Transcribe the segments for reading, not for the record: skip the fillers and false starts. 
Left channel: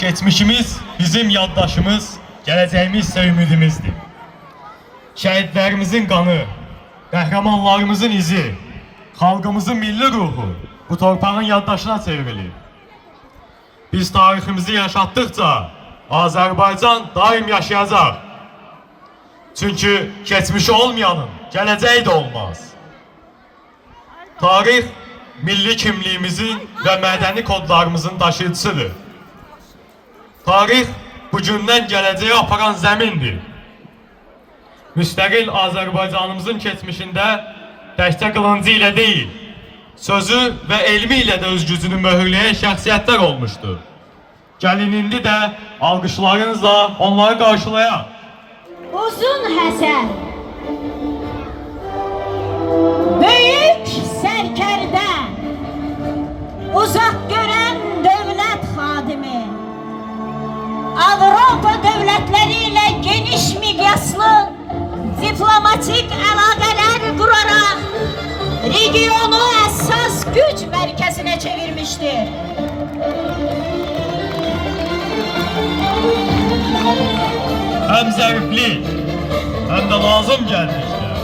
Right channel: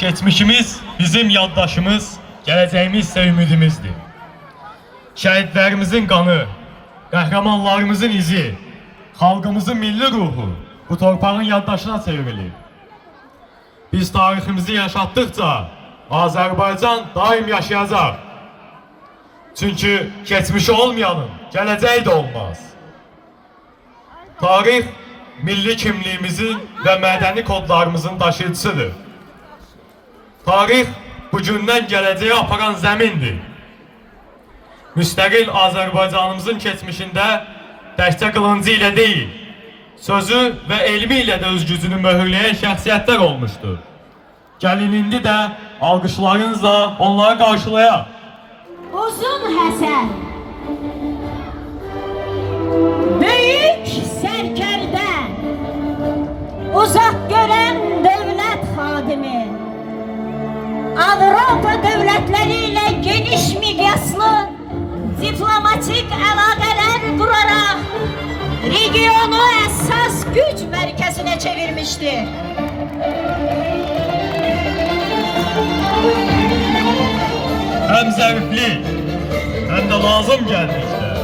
Geçmişimiz bizim yaddaşımız, geleceğimiz ise ümidimizdir. Şehitlerimizin kanı, kahramanlarımızın izi, halkımızın milli ruhu bu torpağın yaddaşına çevrilir. Biz tarihimizi yaşattıkça Azerbaycan daim yaşayacak. Çünkü geçmişi olmayanın geleceği de olmaz. Tarih, milli kimliğimizin ve medeni kodlarımızın taşıyıcısıdır. Tarih, bugündən gələcəyə aparan zəmindir. Müstəqil Azərbaycanımızın keçmişində təkcə qılıncı ilə deyil, sözü və elmi ilə də öz gücünü möhürləyən şəxsiyyətlər olmuşdur. Gəlin indi də alqışlarınızla onları qarşılayaq. Uzun Həsən, büyük sərkərdə, uzaq görən dövlət xadimi, Avropa dövlətleriyle geniş miqyaslı diplomatik əlaqələr qurarak regionu əsas güc mərkəzinə çevirmiştir. Hem zəriflik, hem de lazım gəlmişdir.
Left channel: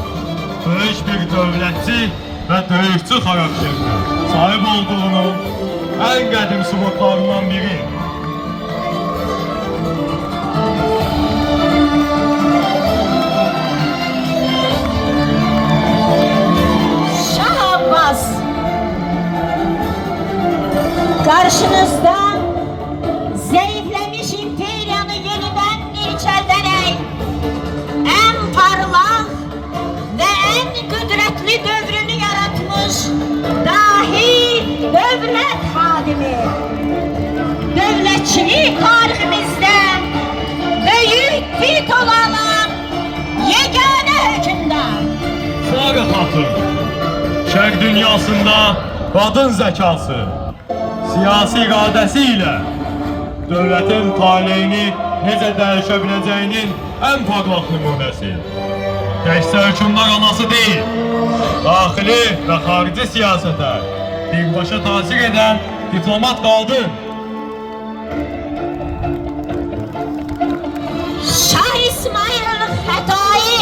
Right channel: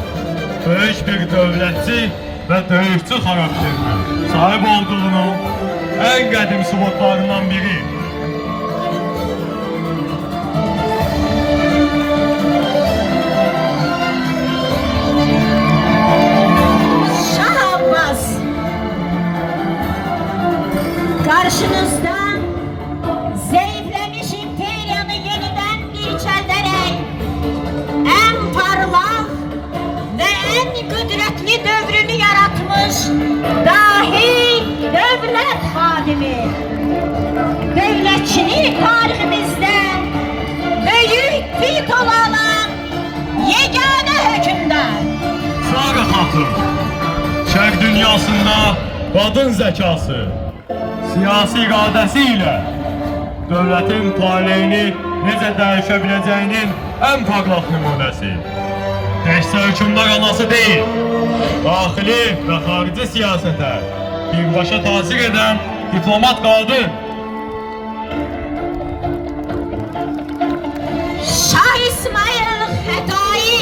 Böyük bir dövlətçi və döyüşçü xarakterdir. Sahib olduğunun en qədim sübutlarından biri. Karşınızda zayıflamış imperiyanı yeniden dirçelterek en parlak ve en kudretli dövrünü yaratmış dahi devlet hadimi. Devletçilik tarihimizde büyük titulu alan yegane hükümdar. Sarı Hatun, şərq dünyasında kadın zekası, siyasi iradəsiyle devletin taleyini necə dəyişebileceğinin en parlak nümunəsi. Təkcə hükümdar anası değil, daxili ve xarici siyasete birbaşa təsir eden diplomat qadın. Şah İsmail Xətai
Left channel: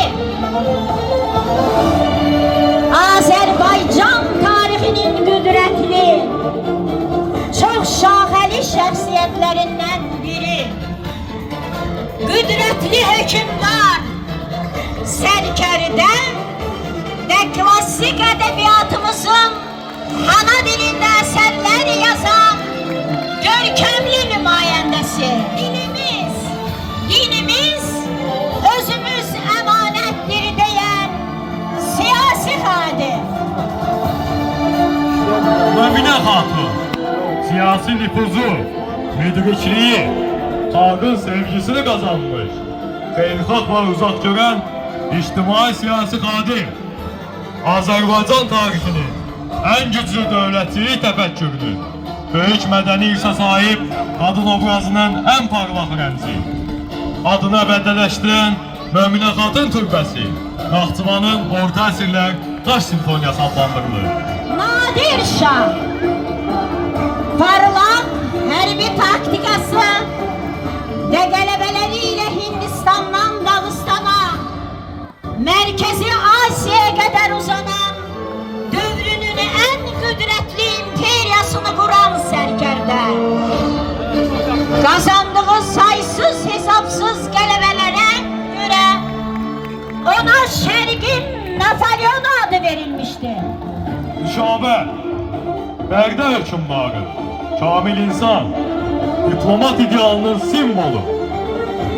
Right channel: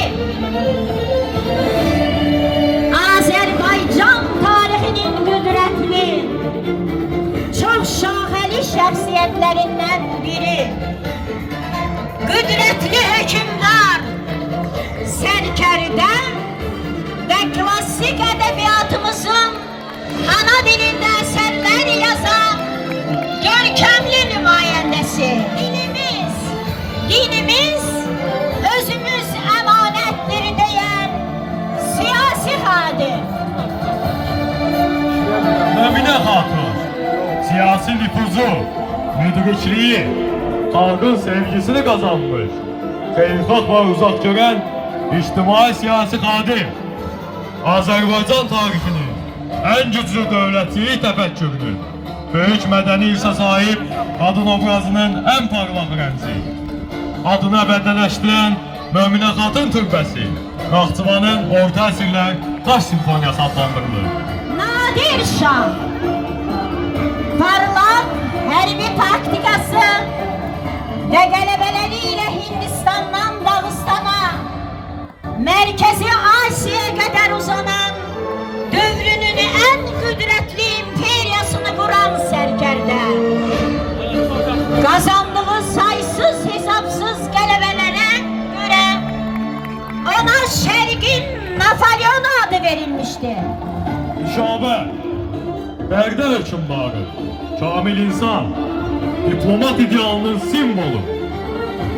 Azerbaycan tarihinin kudretli, çok şaheli şəxsiyyətlerinden biri. Kudretli hükümdar, sərkərdə ve klasik edebiyatımızın ana dilinde eserler yazan görkemli nümayəndəsi. Dinimiz özümüz emanettir diyen siyasi hadim. Möminə Hatun, siyasi nüfuzu, müdrikliği, halkın sevgisini kazanmış, xeyirxah ve uzak gören ictimai siyasi kadim. Azerbaycan tarihinin en güçlü dövlətçilik təfəkkürünün, böyük mədəni irsə sahip kadın obrazının en parlak rəmzi. Adına bədələşdirən Möminə Xatun türbəsi Naxçıvanın orta əsrlər Taş simfoniyası adlandırılır. Nadir Şah, parlak hərbi taktikası ve qələbəleriyle Hindistan'dan Dağıstan'a, Merkezi Asya'ya kadar uzanan dövrünün en kudretli imperiyasını kuran sərkərdə, kazandığı saysız hesapsız qələbəlere göre ona Şərqin Napoleon adı verilmişti. Nüşabə, Bərdə hökümdarı, kamil insan, diplomat idealının simvolu,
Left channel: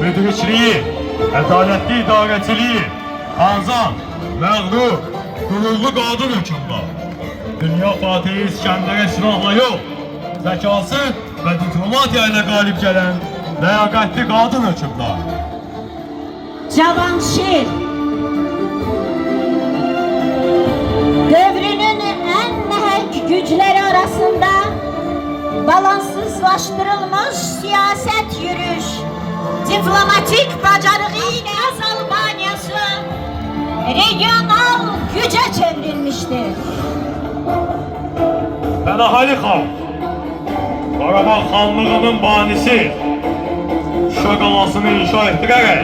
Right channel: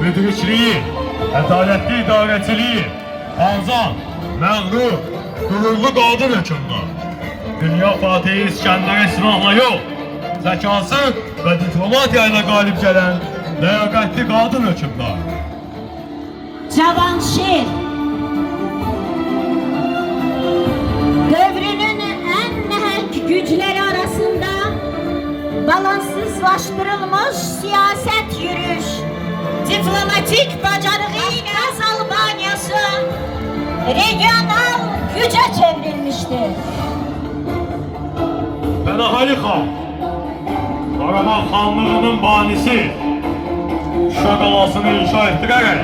müdrikliği, ədalətli idarəçiliyi, arzan, məğrur, qürurlu qadın hökümdar. Dünya Fatihi İskəndərə silahla yox, zəkası və diplomatiya ilə qalib gələn ləyaqətli qadın hökümdar. Cavanşir, dövrünün en mehek güçleri arasında balanssızlaştırılmış siyaset yürüyüş, diplomatik bacarığıyla Albaniyası regional güce çevrilmiştir. Pənahəli xan, Qarabağ xanlığının banisi Şuşa qalasını inşa etdirərək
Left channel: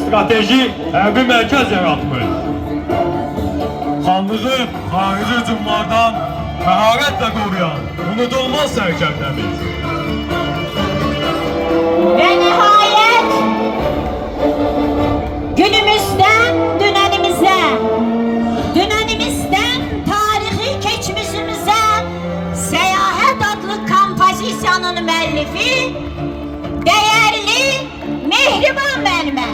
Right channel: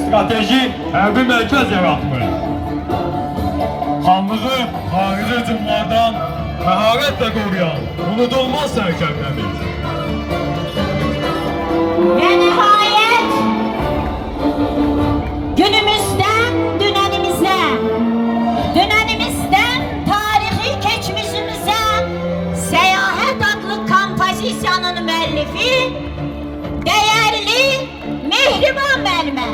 strateji hərbi mərkəz yaratmış. Xanlığı xarici hücumlardan məharətlə qoruyan unudulmaz sərkərdəmiz. Ve nihayet günümüzden dünenimize, dünenimizden tarihi geçmişimize Seyahat adlı kompozisyanın müəllifi değerli Mehriban müəllimə.